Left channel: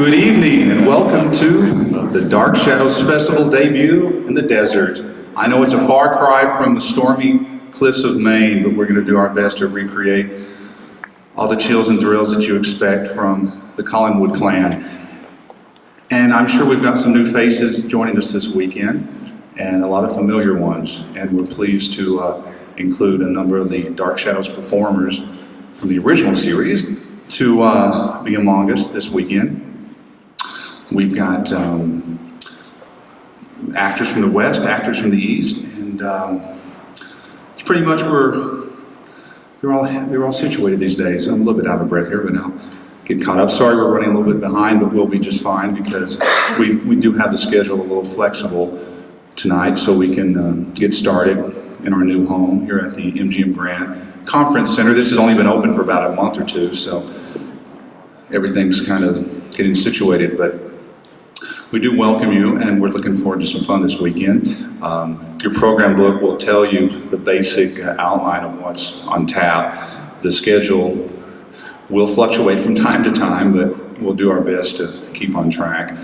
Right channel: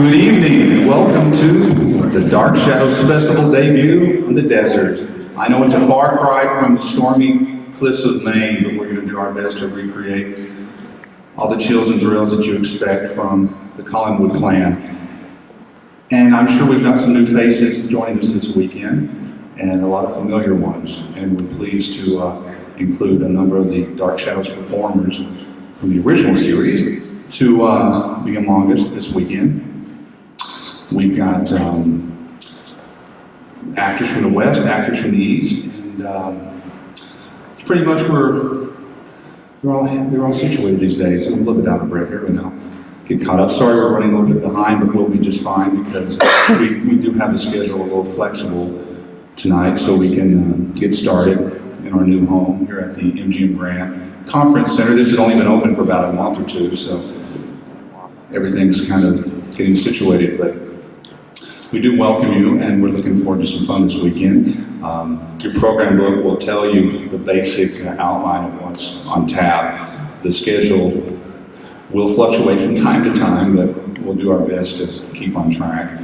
Good evening and welcome to the Dark Shadows Festival debut in the desert. I know it's a far cry from the stormy cliffs of Maine, but we're going to do our best to recreate all the chills and thrills that you expect from the Collingwood clan. And I'm sure we've got some new faces joining us this weekend and a lot of familiar ones. And we're pleased to include a number of the Dark Shadows performers from the original series to be among us this weekend. We've got actors from the West, actors from the East, and it's pretty much where they're all situated these days. I'm a little bit out of breath here, but I'll get caught up. Sorry we're running a little bit behind, but we'll be just fine because we do have the schedule a little flexible tonight, so we can get started in our new home here at the MGM Grand Conference Center. This has only been open for about a month or two, so everything's kind of getting situated, but we do welcome you, and we're looking forward to some fun this weekend. Your program book will tell you the basic outline of what's on tap. The schedule will fluctuate from time to time, but we'll do our best to keep on track.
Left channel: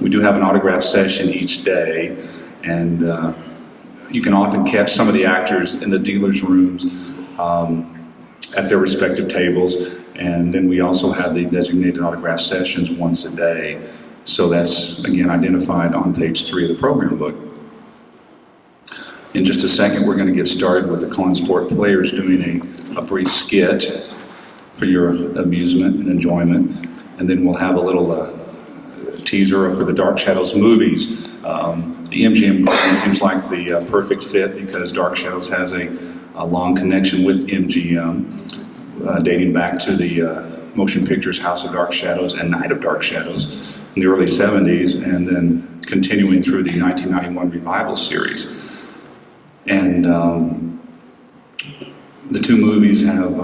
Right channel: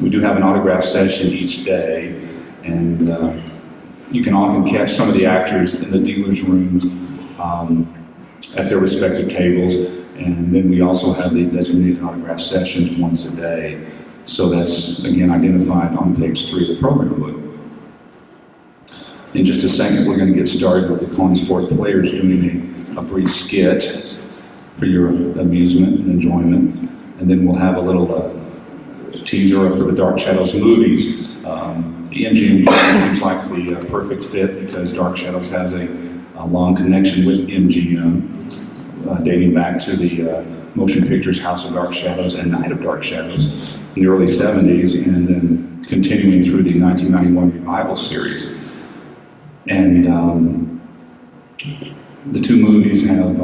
We do have an autograph session each day, and you can often catch some of the actors in the dealers' rooms at their respective tables, and then we also have the designated autograph sessions once a day. So that's, again, identified on page 3 of the program book. In just a second, we're going to get started with the Consport players doing a brief skit for your amusement and enjoyment. And then we'll have a little teaser for the Dark Shadows movies. The MGM Grand seems like the perfect fit because Dark Shadows has a long connection with MGM, dating back to the motion pictures House of Dark Shadows and Night of Dark Shadows in the early 70s, and then continuing through the 1991 revival series. And the two movies have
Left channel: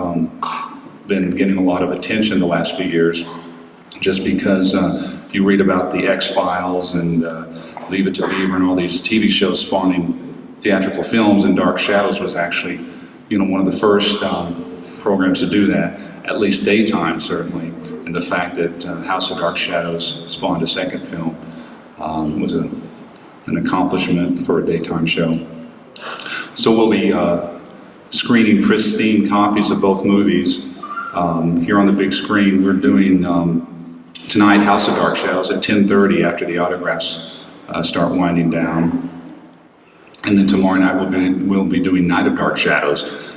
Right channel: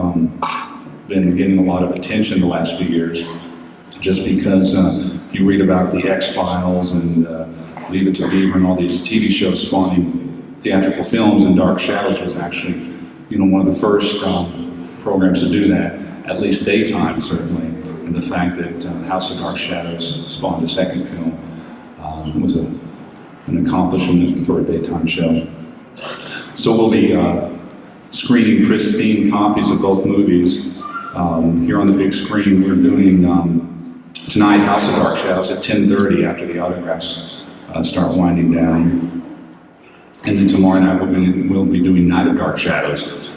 been getting a lot of attention the last few years, just because you read about the X-Files and Leave It to Beaver and all these TV shows spawning theatrical films, and Dark Shadows was actually, one of the first programs to do that, at least daytime certainly. And the fact that House of Dark Shadows spawned a second film was an accomplishment for a daytime show. So we'll be screening pristine copies of both movies here on the big screen. We're doing tonight House of Dark Shadows at 10:30 after the autographs start winding down. And then tomorrow night we'll be doing Night of Dark Shadows.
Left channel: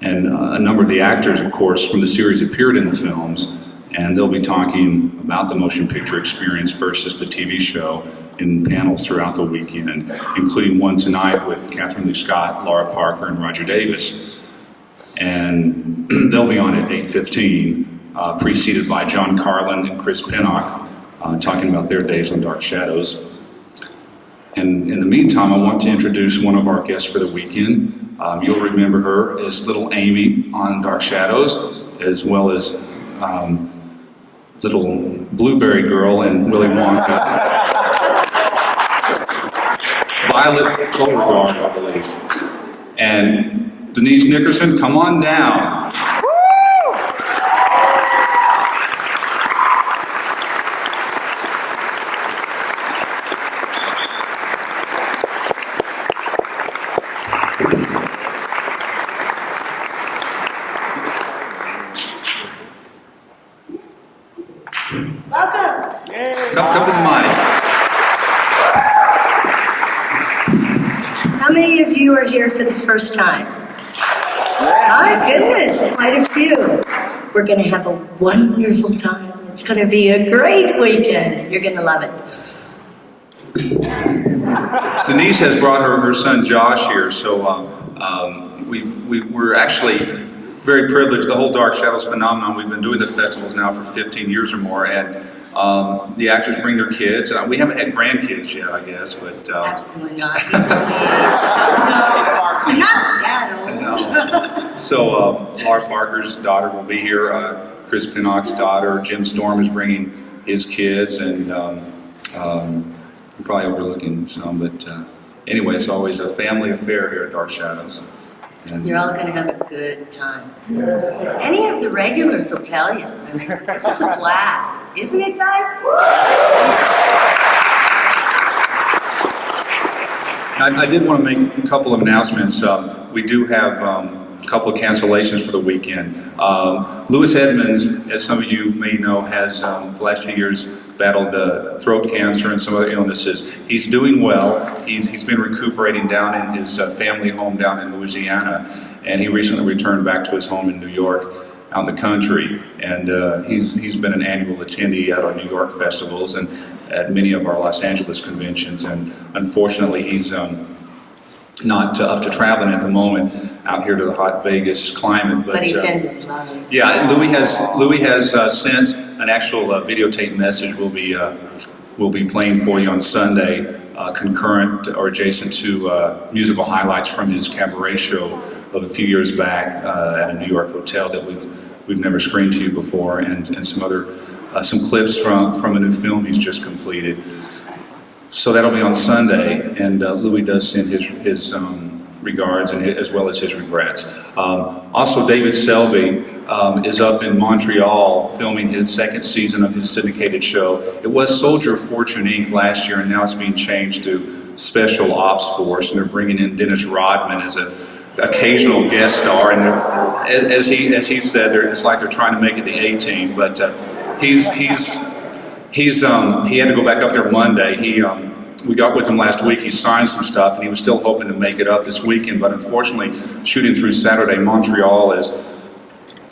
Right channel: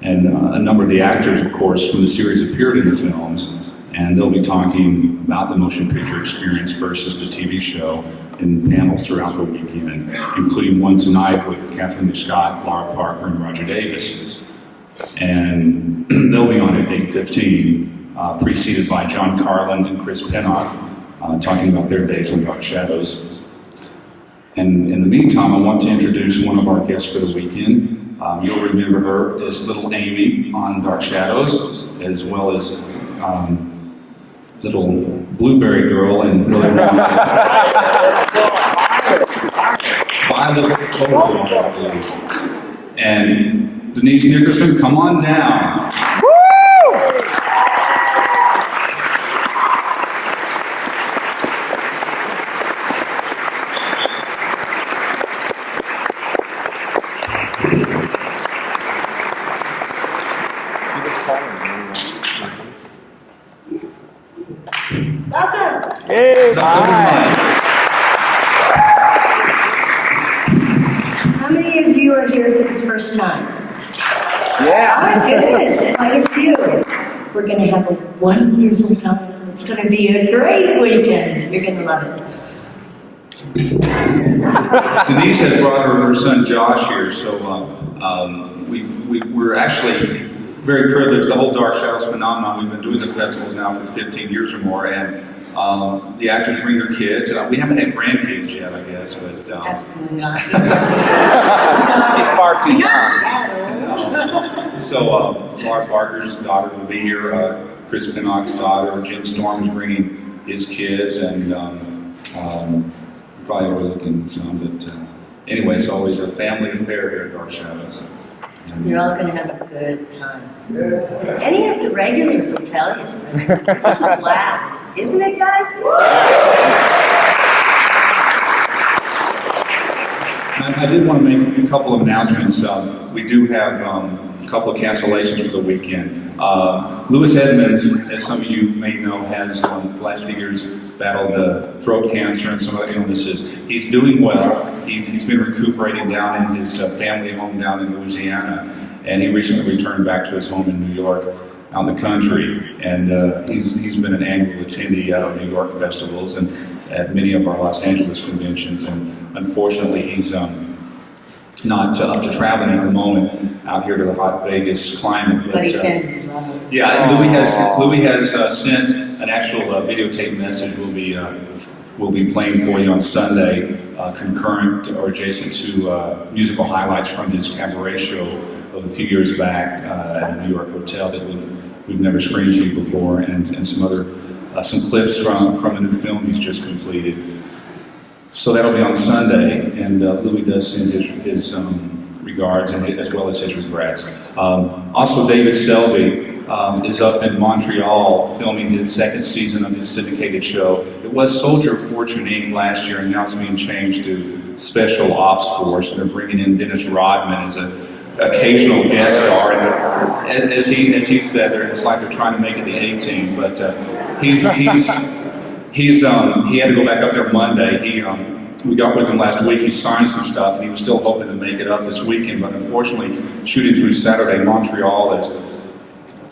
And a number of the actors, of course, from the series appeared in the films, and they'll be talking about the motion picture experience versus the TV show in panels throughout the weekend, including one tonight with Catherine Lee Scott, Laura Parker, and Roger Davis. And they'll be on at 8:15, preceded by John Carlin and Chris Pinnock, talking about their days on Dark Shadows. And in the meantime, I want to introduce one of our guests for the weekend. You'll remember her as Little Amy on Dark Shadows, as well as Little Blueberry Girl in Willy Wonka. Violet Beauregard, I believe. And Denise Nickerson, come on down. Welcome. Hey. Come to the mic. How many of you are here for the first time? Yeah. My goodness, quite a few. We're going to have a wonderful time. It's going to be a great weekend. You're going to love it. Denise has brought her son Josh here, so we're actually very privileged. The whole Dark Shadows phenomenon, we've been doing the festivals now for 15 years or more, and the actors bring their kids. We haven't had grandkids yet, I guess, but... Absolutely not. You're not that old. So Laura Parker's daughter will be here, Chris Pinnock's daughter, Jim Storm is bringing his kids, and I'm probably overlooking some, but anyway, it's always a family affair here at Dark Shadows. You're all going to have a good time. Any of the regulars will tell you. I mean, this is a blast. Isn't it, guys? I did want to make a couple of announcements. We do have a couple of cancellations for the weekend. Lewis Edmonds, as some of you may know, has the last few years battled throat cancer and some other illnesses. He's doing well. He's been recuperating down in his family home down in Louisiana, and he recently returned back to his home in New York, out in the country. And he's been an annual attendee at our New York festivals and at many of our Los Angeles conventions. And unfortunately, he's not up to traveling at the moment out here to the hot Vegas climate. But he sends his love. Yeah, Louis has sent an actual videotape message. We'll be playing for you on Sunday, concurrent or adjacent to musical highlights from his cabaret show of a few years back at a New York hotel that we've never screened to you before, and some other some clips from a new film he's just completed. So that'll be on Sunday, and Louis does send his regards and as well as his regrets. Also, David Selby is up in Montreal filming his second season of his syndicated show. It was Soldier of Fortune Inc. last year, and now it's being changed to Special Ops Force, and they're bringing in Dennis Rodman as an occasional guest star. And as he said, it's like they're trying to make it the A-Team, but he had to go back up there Monday. We got with him last week. He signed some stuff, and he was still hoping to make it up this weekend. But unfortunately, shooting through Saturday, Montreal is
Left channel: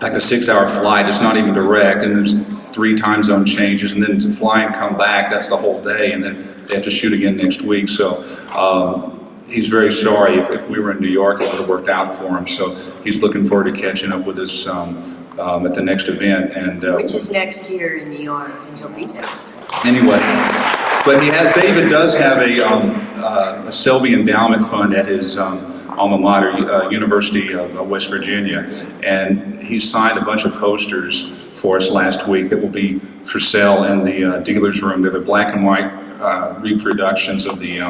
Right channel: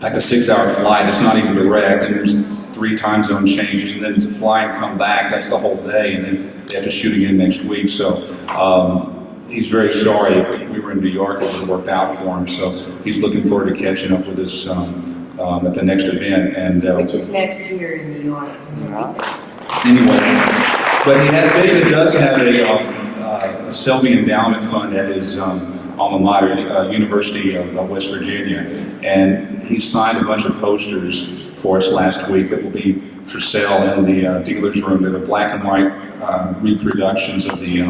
like a 6-hour flight. It's not even direct, and there's 3 time zone changes, and then to fly and come back, that's the whole day, and then they have to shoot again next week. So he's very sorry. If we were in New York, it would have worked out for him. So he's looking forward to catching up with us at the next event, and which is next year in New York, and he'll be there. Anyway, but David does have a Selby Endowment Fund at his alma mater, University of West Virginia, and he signed a bunch of posters for us last week that will be for sale in the dealer's room. They're the black and white reproductions of the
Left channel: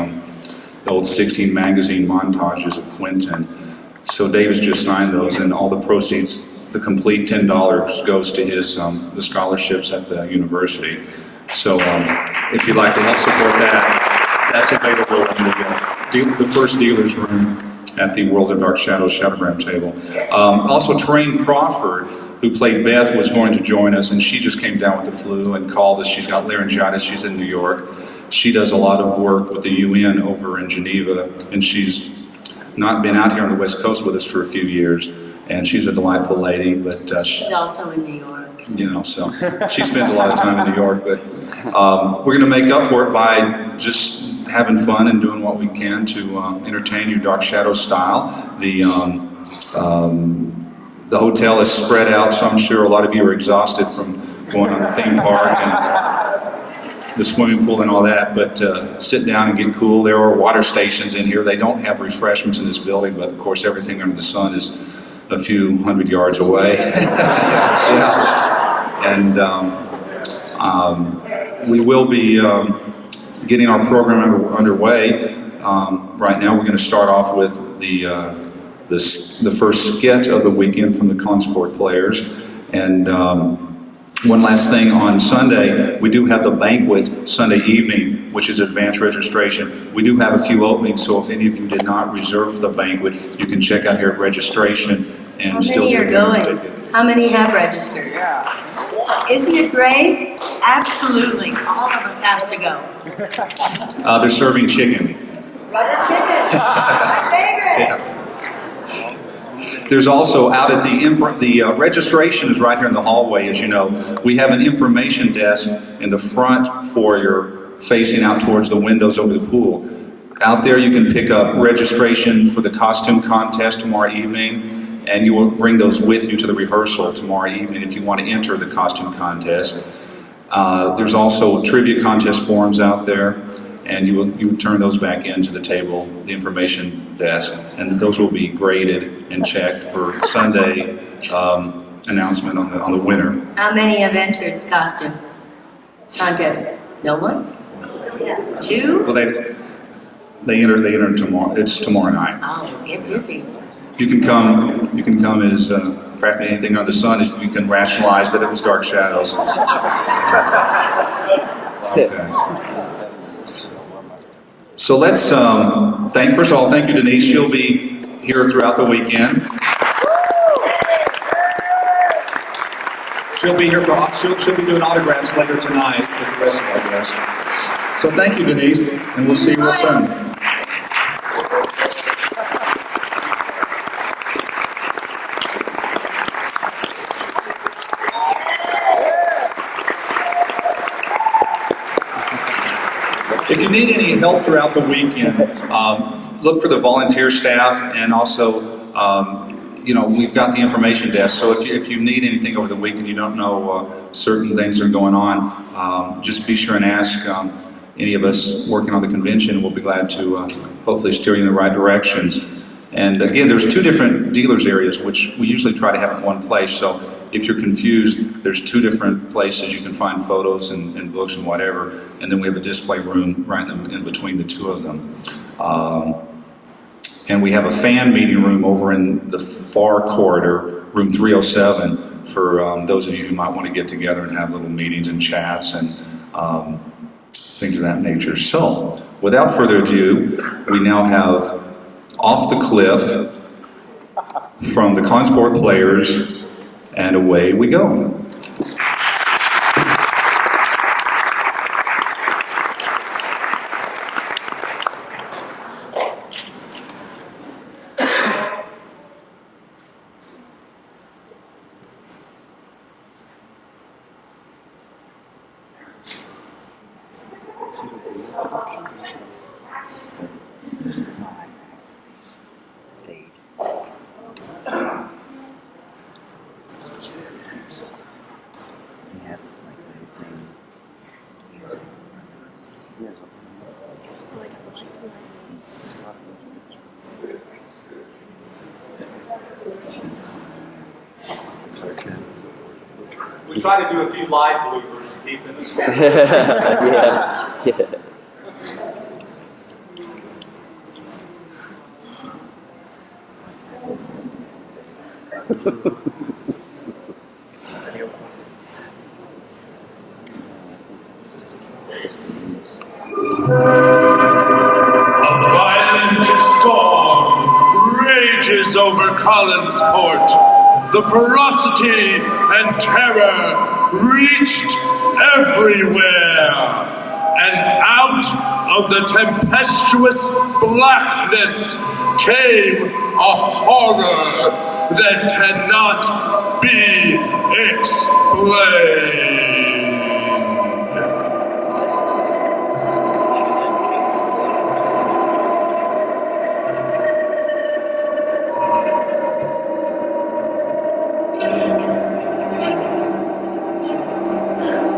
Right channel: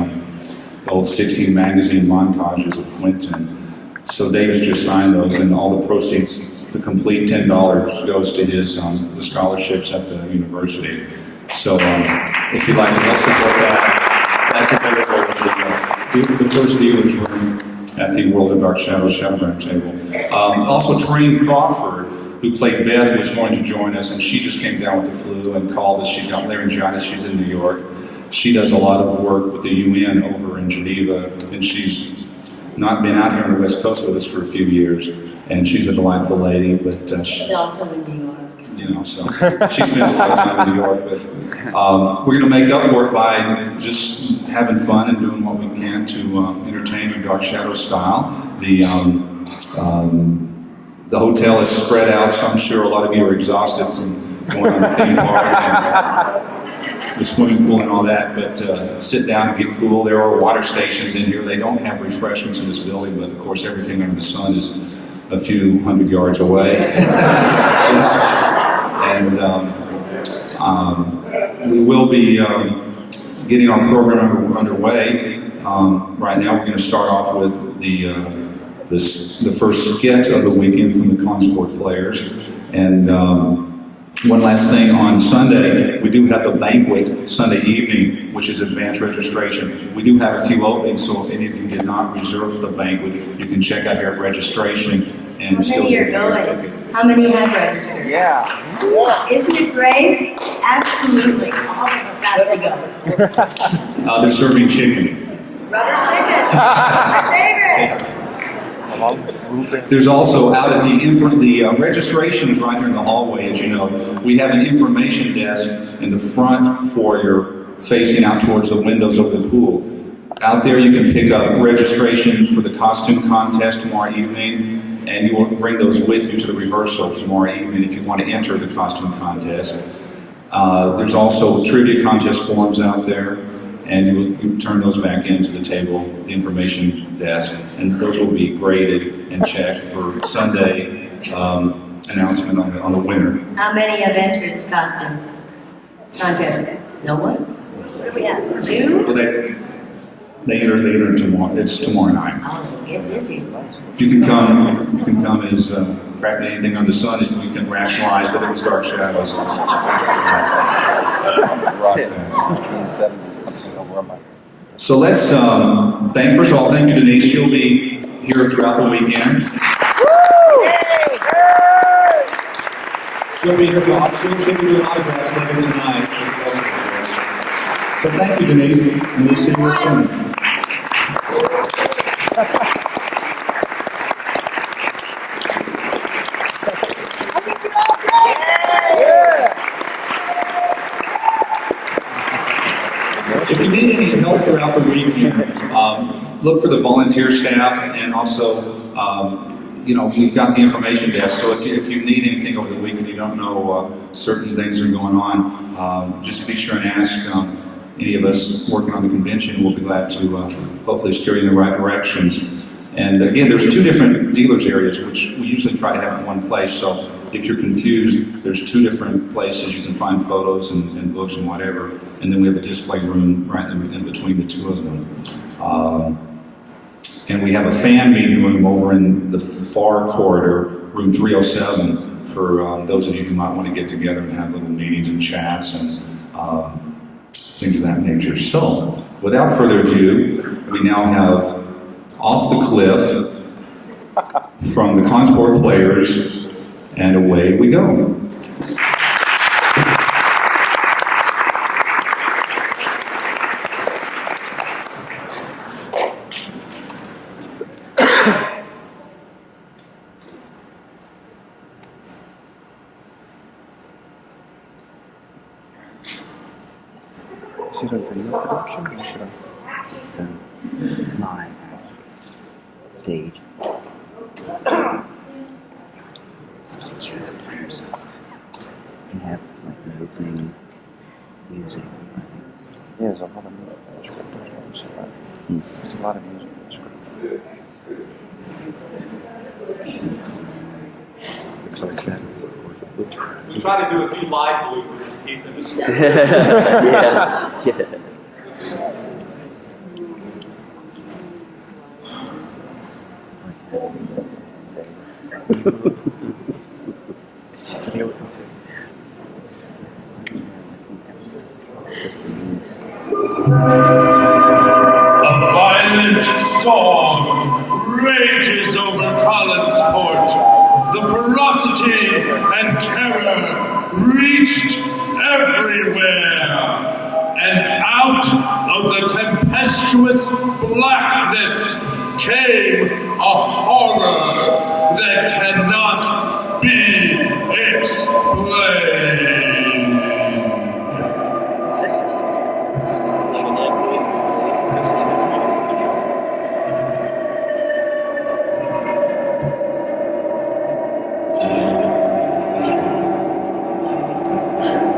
old 16 magazine montages of Clinton. So David's just signed those, and all the proceeds, the complete $10, goes to his the scholarships at the university. So if you'd like to help support that, that's available in the first dealer's room at the World of Dark Shadows Shadowgram table. Also, Train Crawford, who played Beth, was going to join us, and she just came down with the flu and called us. She's got laryngitis. She's in New York. She does a lot of work with the UN over in Geneva, and she's not been out here on the West Coast with us for a few years. And she's a delightful lady, but she's also in New York. You know, so she spends a lot of time in New York. But we're going to make up for it by just having fun and doing what we can to entertain you, Dark Shadow style. The hotel is spread out, so I'm sure a lot of you are exhausted from going on the theme park and the swimming pool and all that. But sit down and get cool. There are water stations in here. They don't have refreshments in this building, but of course everything under the sun is a few hundred yards away. And we will be getting our program underway. Right now we're going to start off with the first skit of the weekend from the Consport Players. And one last thing, on Sunday, we do have the banquet Sunday evening, which is advanced registration. We do have a few openings, so if any of you did not reserve for the banquet, you can check out here at registration and still get your ticket. How many have registered? Yeah. Isn't it great? Absolutely. All of us have to go. They're serving chicken. Rubber chicken. My favorite. There's also out at the registration is right here in the hallway, as you know. We have an information desk in the front foyer facing out towards the windows over the pool. Out there you can pick up registration for the costume contest tomorrow evening, and you will bring those with you to the rehearsal tomorrow evening if you want to enter the costume contest. There's also trivia contest forms out there, and you turn those back into the table, the information desk, and those will be graded and checked for Sunday announcement on the winner. How many have entered the costume contest? No one? What do we have? 2? Well, they enter tomorrow. It's tomorrow night. Oh, get busy. You can come as practically anything under the sun if you can rationalize that it was dark shadows. Okay. So let's first of all, thank you, Denise. She'll be here throughout the weekend. She'll be here she'll be doing autographs later tonight for the rest of our guests. So thank you, Denise, and we'll see you this Sunday. If you need any help throughout the weekend, look for the volunteer staff, and also, we've got the information desk. So if you need anything over the weekend, you don't know certain things are going on, just be sure and ask any of us working on the convention. We'll be glad to hopefully steer you in the right directions. And again, there's 2 different dealers areas, which we usually try to have in one place. So if you're confused, there's 2 different places you can find photos and books and whatever. And then we have a display room right in between the 2 of them. And we have a fan meeting room over in the far corridor, room 307, for those of you who might want to get together and have little meetings and chats and things of that nature. So, without further ado, we now have Off the Cliff from the Consport Players, and away we go. Stage. We have like routine music. There's a lot of music. There's a lot of music. Looks like that. We try to do a few live bloopers to keep in the school. Yeah. A violent storm rages over Collinsport. The ferocity and terror reached everywhere. And out of the tempestuous blackness came a horror that cannot be explained.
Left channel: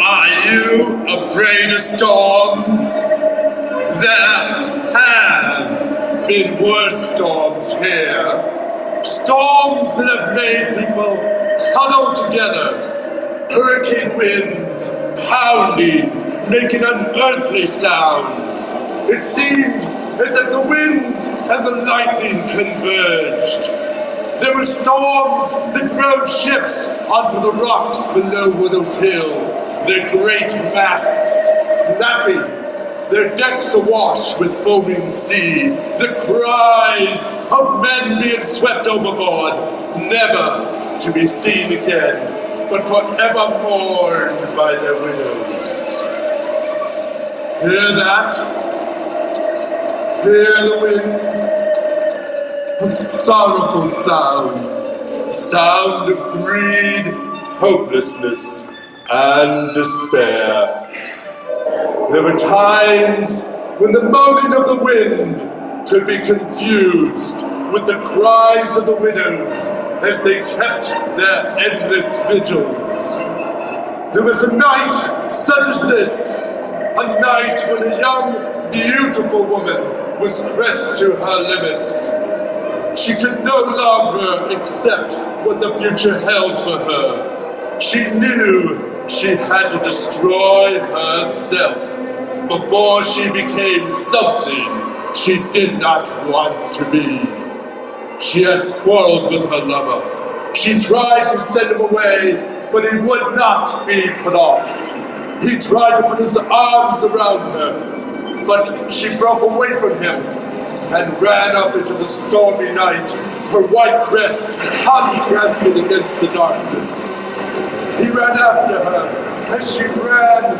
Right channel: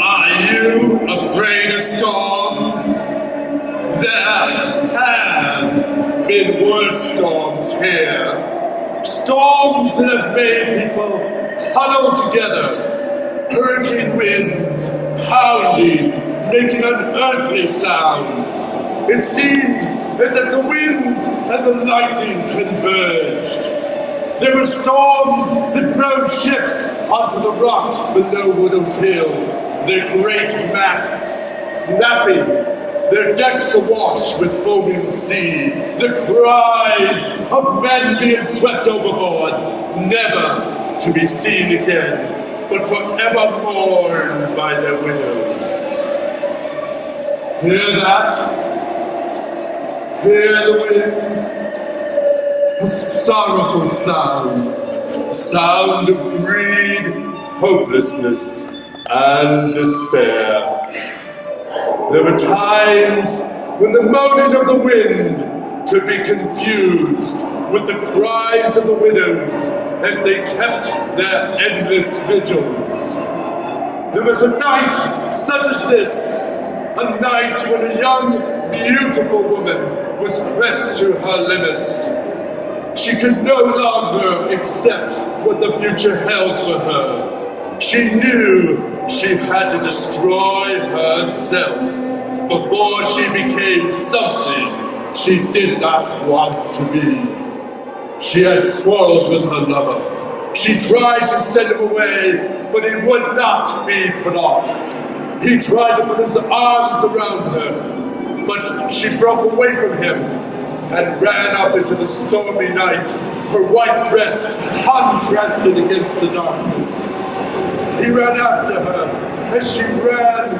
Are you afraid of storms? There have been worse storms here. Storms that have made people huddle together. Hurricane winds pounding, making unearthly sounds. It seemed as if the winds and the lightning converged. There were storms that drove ships onto the rocks below Widow's Hill, their great masts snapping, their decks awash with foaming sea, the cries of men being swept overboard, never to be seen again, but forever mourned by their widows. Hear that? Hear the wind? A sorrowful sound, a sound of greed, hopelessness, and despair. There were times when the moaning of the wind could be confused with the cries of the widows as they kept their endless vigils. There was a night such as this, a night when a young, beautiful woman was pressed to her limits. She could no longer accept what the future held for her. She knew she had to destroy herself before she became something she did not want to be. She had quarreled with her lover, She tried to send him away, but he would not be put off. He tried to put his arms around her, but she broke away from him and ran up into the stormy night, her white dress contrasted against the darkness. He ran after her as she ran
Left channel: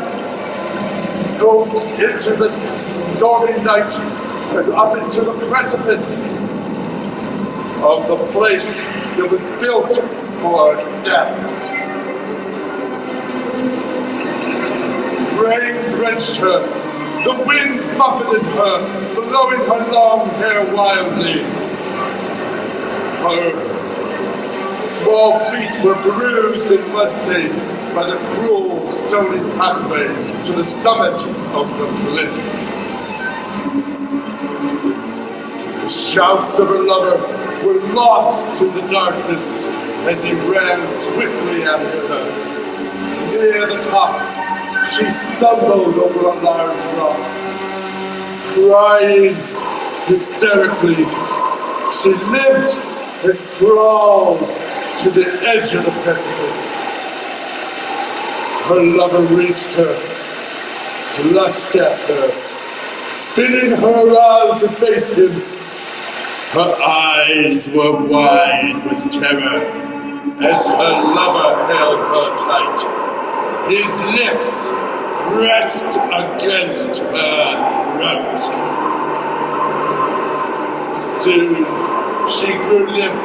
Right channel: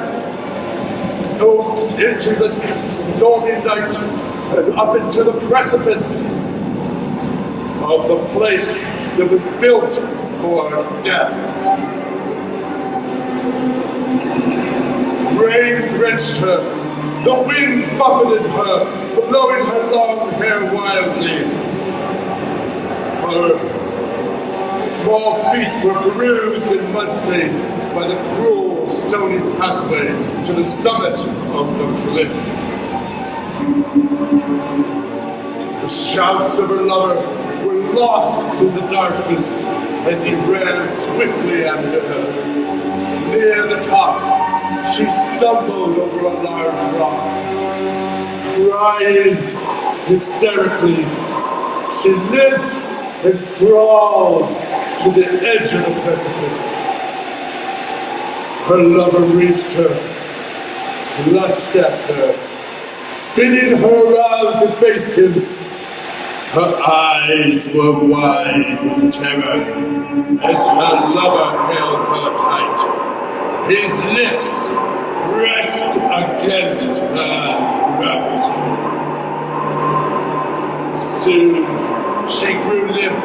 into the stormy night and up into the precipice of the place that was built for death. Rain drenched her, the winds buffeted her, blowing her long hair wildly. Her small feet were bruised and mud-stained by the cruel, stony pathway to the summit of the cliff. The shouts of her lover were lost in the darkness as he ran swiftly after her. Near the top, she stumbled over a large rock. Crying hysterically, she limped and crawled to the edge of the precipice. Her lover reached her, clutched at her, spinning her around to face him. Her eyes were wide with terror as her lover held her tight, his lips pressed against her throat. Soon she grew limp.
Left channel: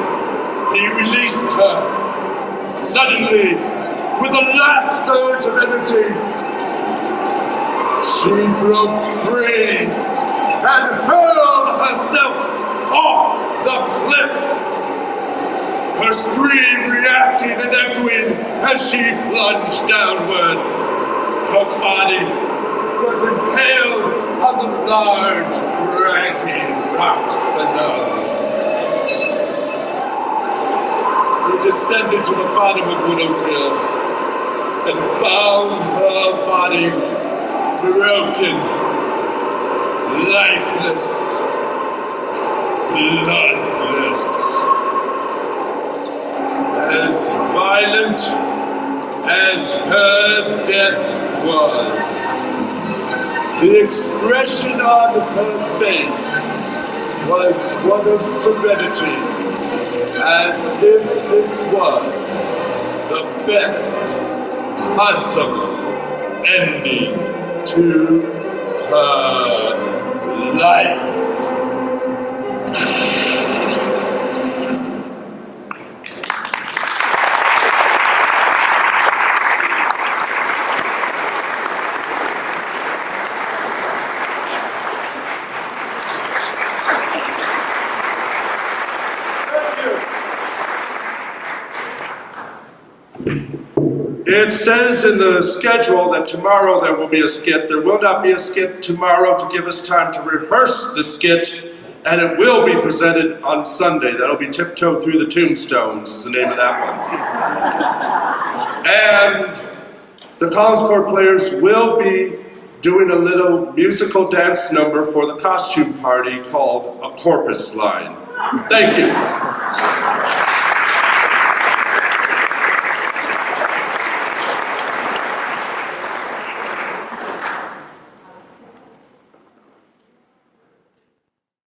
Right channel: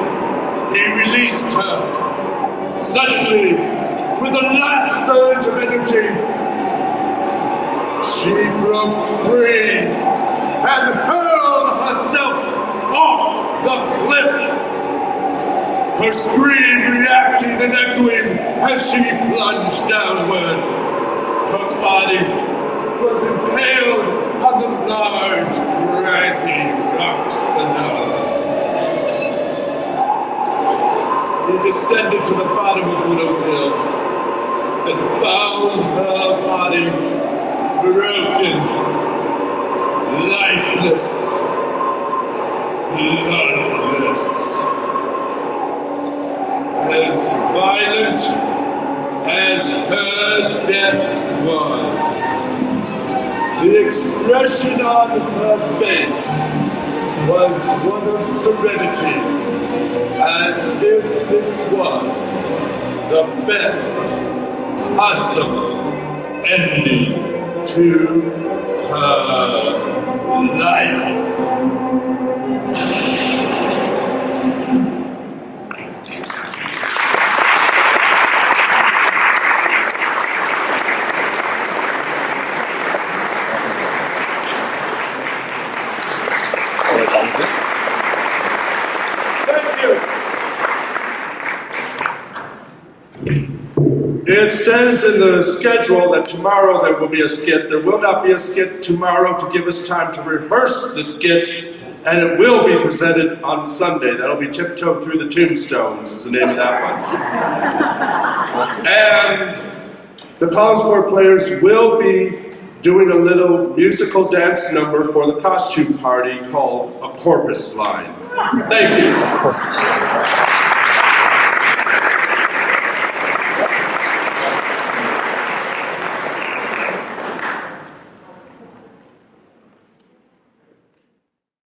He released her. Suddenly, with a last surge of energy, she broke free and hurled herself off the cliff. Her scream reacting and echoing as she plunged downward. Her body was impaled on the large, craggy rocks below. He descended to the bottom of Widow's Hill and found her body broken, lifeless, bloodless, as violent as her death was. The expression on her face was one of serenity, as if this was the best possible ending to her life. It says in the schedule that tomorrow there will be a skit. There will not be a skit tomorrow to give us time to rehearse the skit, and it will be presented on Sunday. That'll be Tiptoe Through the Tombstones is the name of that one. And the Collinsport players will be doing a little musical dance number for the costume party called a Corpus Line. Thank you.